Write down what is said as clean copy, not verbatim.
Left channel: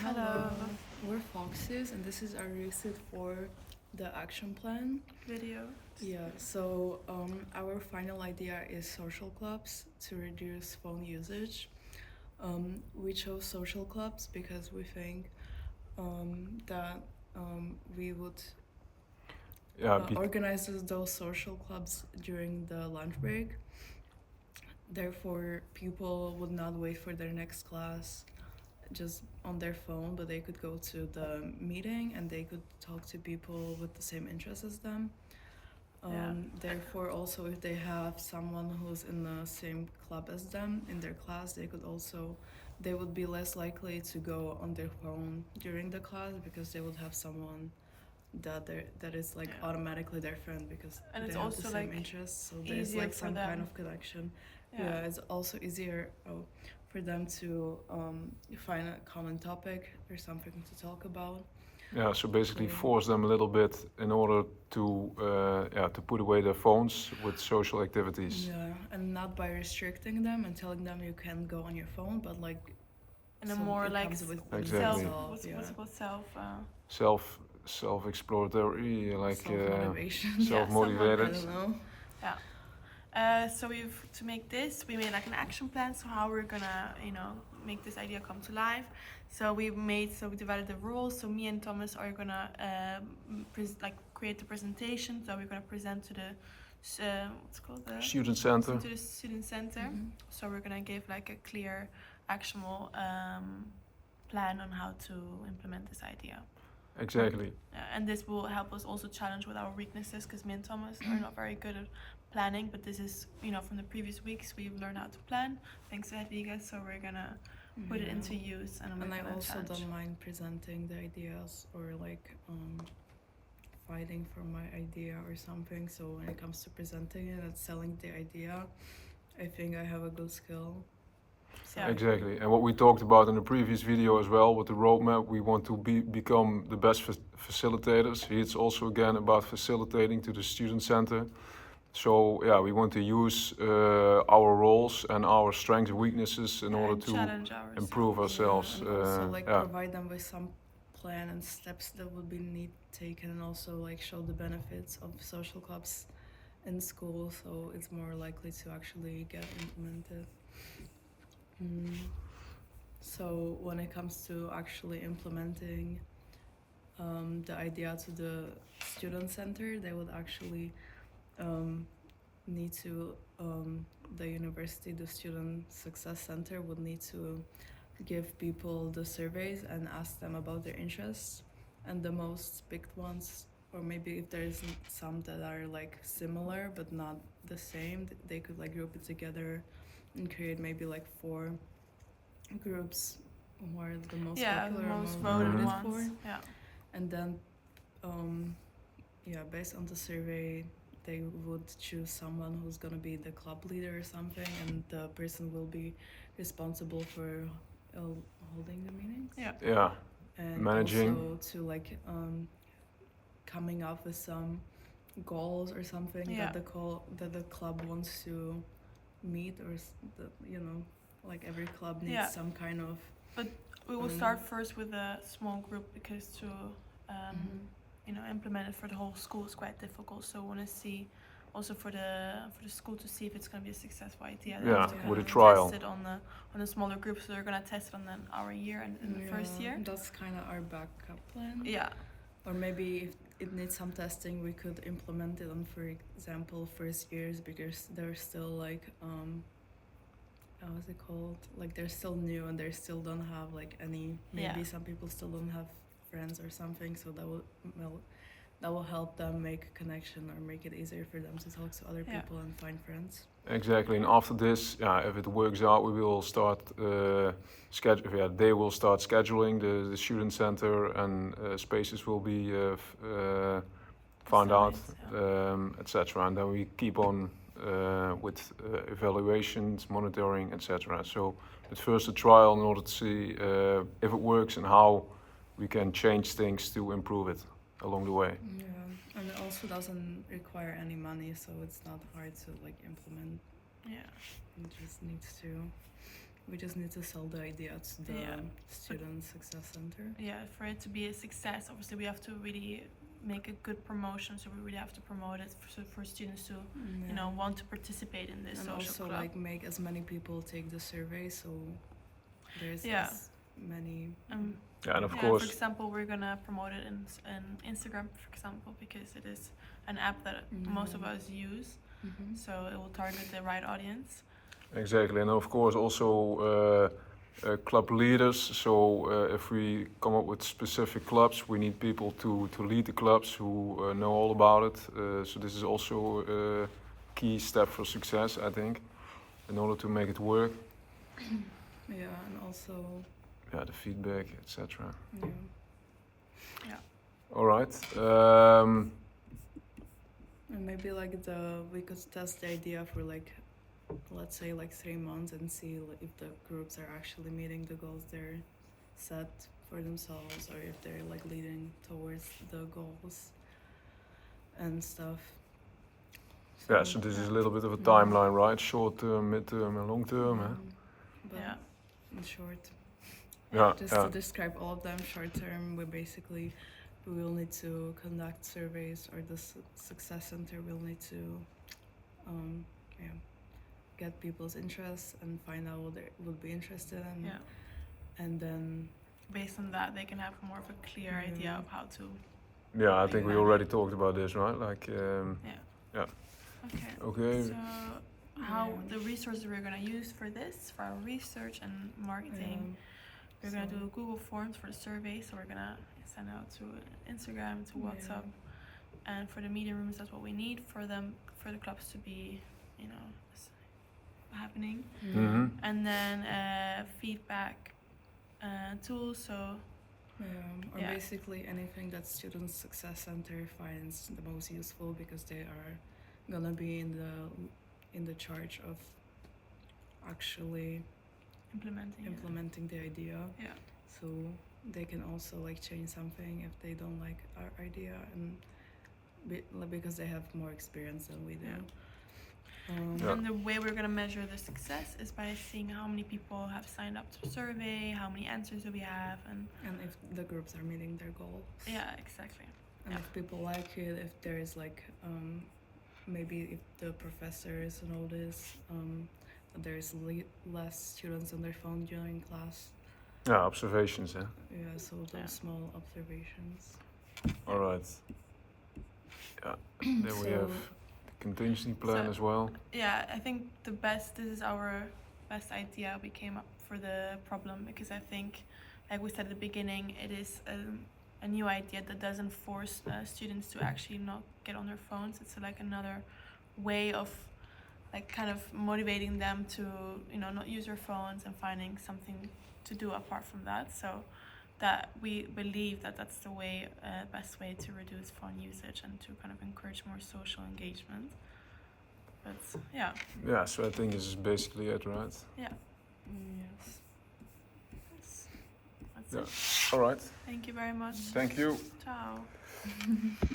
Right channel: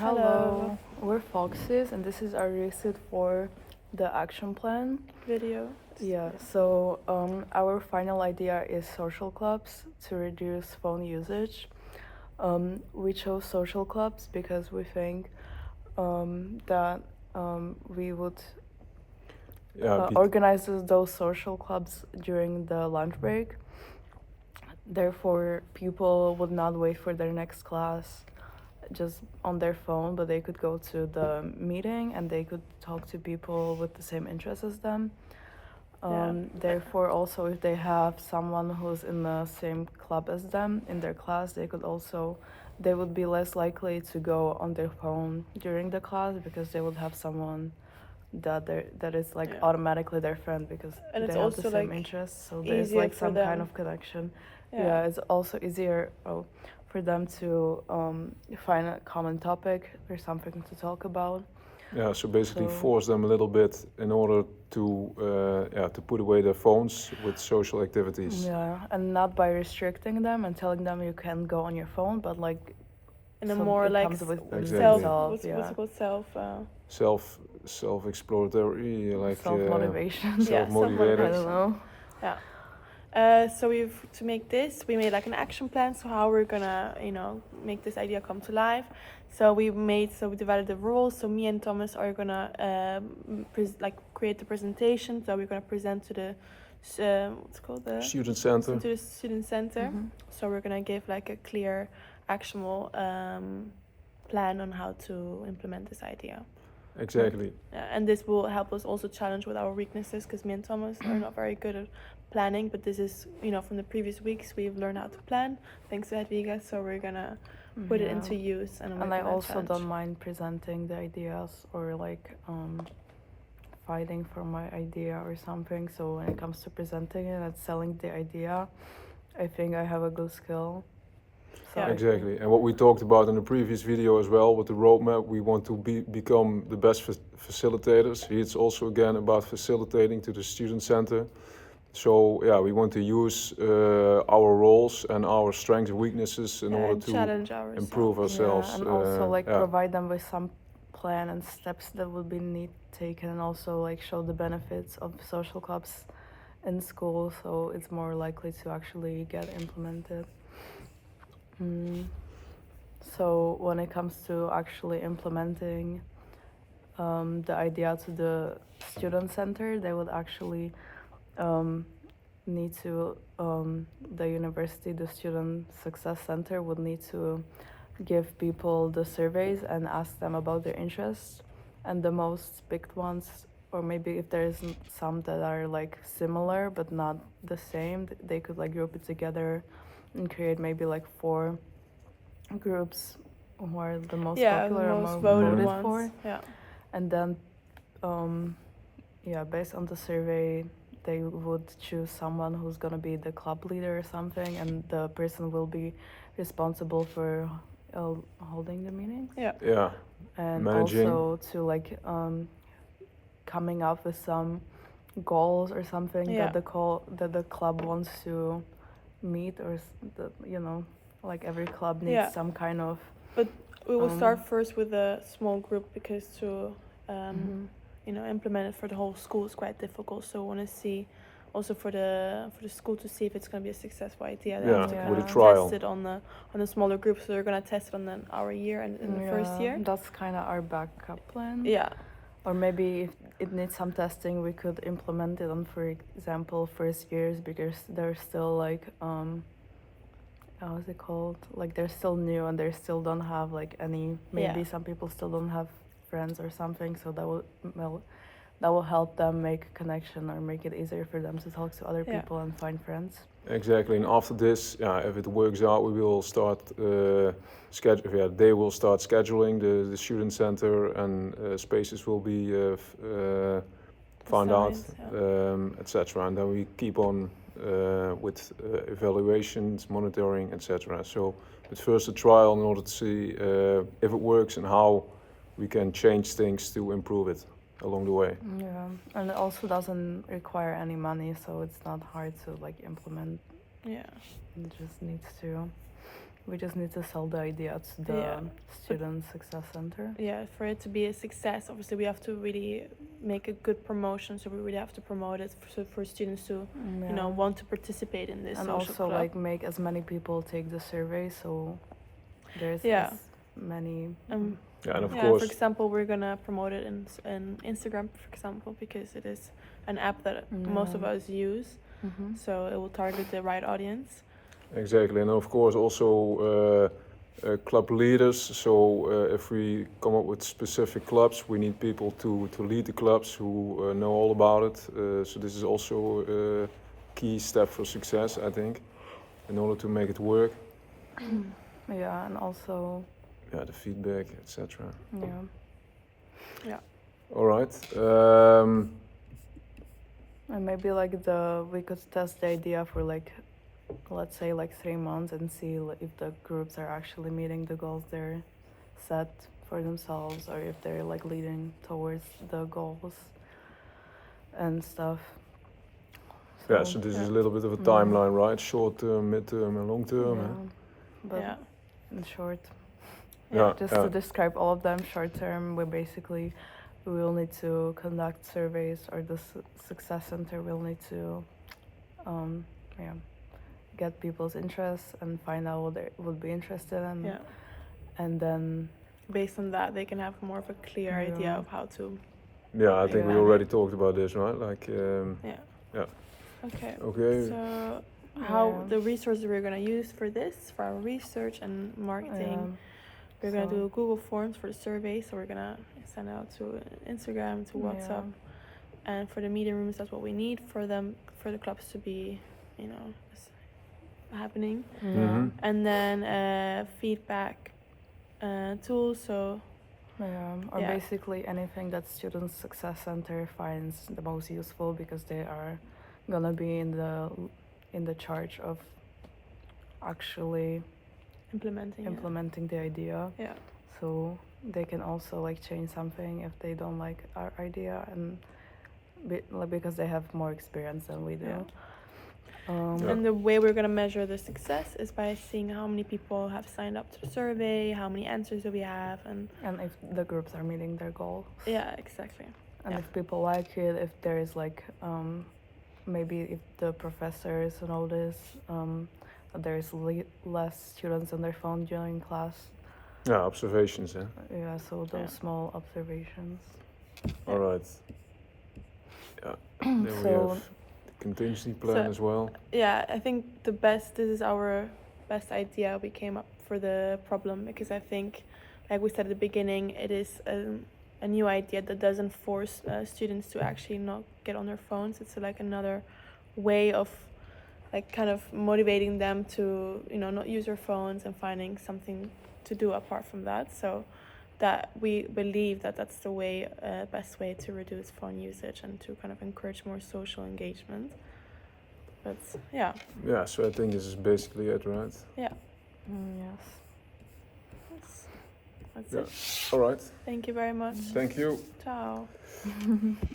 Hello, we're Foxies, and this is our Resit for the action plan. Video. Our final idea is social clubs to reduce phone usage. We chose social clubs because we think that we would organize those social clubs during the lunch break. Therefore, people would not wait for their next class just on their phone, but they could go to the meeting and they could talk to people with the same interests as them. Therefore, also if they have someone who's in the same club as them in their class, they would be less likely to go on their phone during the class because they would have someone that is automatically their friend because and they have the same interests. So there's some kind of connection. Yeah, it's also easier for them to find a common topic or something to talk about. Yeah, so basically force them a little bit in order to put away their phones with social activities. Yeah, and not by restricting them and telling them you can go on your phone, but like in a more like self-exploratory, like self-motivation. Self-motivated. I don't know. So to make this, we made like an action plan. So how we're gonna, make this idea come to life. So we divided the roles. So me and Thomas are gonna create the presentation. So we're gonna present to the what's called the student center. To the student center. Mm-hmm. So we're gonna give like a clear, actionable plan on how to implement this idea. Exactly. And this will help us also challenge with our weaknesses because me and Thomas are not very good at planning, but this is, from the previous weeks we've learned how to plan thanks to Hedviga, so we're gonna put it into use. And I also don't mind presenting the ideas or fighting for my idea or something. So when it comes to presenting it and selling the idea, I think I have a good skill. So exactly, and what we talked about in the previous video as well with the roadmap, we want to become the best facilitators. It's also again about facilitating to the student center. So yeah, we want to use our roles and our strengths and weaknesses in order to improve ourselves. And also provide them with some plan and steps that would be taken, and also show the benefits of social clubs in school, so it's more likely to actually get implemented. So when it comes to actually implementing the idea to the student center, they would actually need to, the university, the student success center would need to give people the surveys and ask them about their interests, and the most picked ones, or maybe if there's some that are similar but not the same, they could group it together and create maybe 4 groups who are the most popular, the most voted ones. For. And then based on the survey they would choose someone who's gonna be the club leader or something, and the person will be responsible for holding the meetings. And managing. Also to coming up with some goals or something that the club wants to meet, or every club needs some kind of. But we will start first with a small group because to implement it for the whole school is quite difficult. So we want to see also for the school to see if it's going to be a successful idea. They have to with a trial. Test it on a smaller group. So they're going to test it on our year and in the first year. That's kind of our backup plan. Or maybe if it needs some testing, we could implement it on, for example, first years, because they're still how is it called? They're still new and they still don't have any. Maybe some people still don't have friends or something. So that will help them make a connection or make it easier for them to talk to other people and find friends. Exactly, and after this, if it works out, we will start they will start scheduling the student center, and spaces will be found out, etc. And then we keep on with evaluations, monitoring, etc. So it's first a trial in order to see if it works and how we can change things to improve it along the way. And it also doesn't require any money, so it's not hard to implement. It just needs to We just need to sell the idea to the Yeah. Student Success Center. Yeah, for it to be a success, obviously we have to really make a good promotion. So we really have to promote it for students to, you know, want to participate in this and social also club. like make as many people take the survey, so there's Yeah. as many. Yeah, and of Yeah, course, for example, we're gonna promote it in Instagram, for example, because it is an app that most of Yeah. us use, so it will target the right audience. exactly, and of course also club leaders. So if we come up with specific clubs, we need people to lead the clubs who know all about it. So this is also a key step for success, I think, in order to make it work. Yeah, and also Yeah, the feedback, etc. yeah, All right. and maybe like we could test the idea for like, let's say like 3 months and see if the groups are actually meeting the goals they're set for themselves, or if they're like leading towards the goals and stuff. Yeah, so this is a little bit of a timeline, right? Short term, mid term, and long term. Yeah, Huh? but Yeah. in short, Yeah, just to describe all of them, short term, we will need to conduct surveys, or the Success Center will need to get people's interests and find out what they would be interested in. Yeah. And then Based on that, they can have more of a clear idea of how to. Yeah, I think we Yeah. already talked about this, right? Like, Yeah. Okay. okay. So, how the resources we're gonna use for this, for our research and marketing, we're gonna do Google Forms for the survey. So we're gonna send out to Instagram, to WhatsApp, and for the meeting rooms, that's what we need for them, for the clubs to be, you know, happening. And then feedback tools. So or basically anything that Student Success Center finds the most useful, because they are gonna be in the charge of actually implementing the idea. Yeah. So they can also like change something if they don't like our idea, and because they have more experience than we do. Yeah. And the way we're gonna measure the success is by seeing how many people have signed up to the survey, how many answers do we have, and if the groups are meeting their goals. Yeah, exactly. And if people like it, if there's like maybe if the professors notice that there's less students on their phone during class. Yeah, observations, yeah. Yeah, so those small observations. All right. Yeah. Then we have the contingency plan as well. Yeah, I think this is our best idea we came up for the problem, because I think, like we said at the beginning, it is a new idea that doesn't force students to actually not get on their phones. It's like another way of like kind of motivating them to, you know, not use their phones and finding something to do apart from that. So that we believe that that's the way, best way to reduce phone usage and to kind of encourage more social engagement. But yeah. Yeah, so I think this is basically it, right? Yeah. Yes. That's it. All right. Thank you very much. Thank you. Ciao.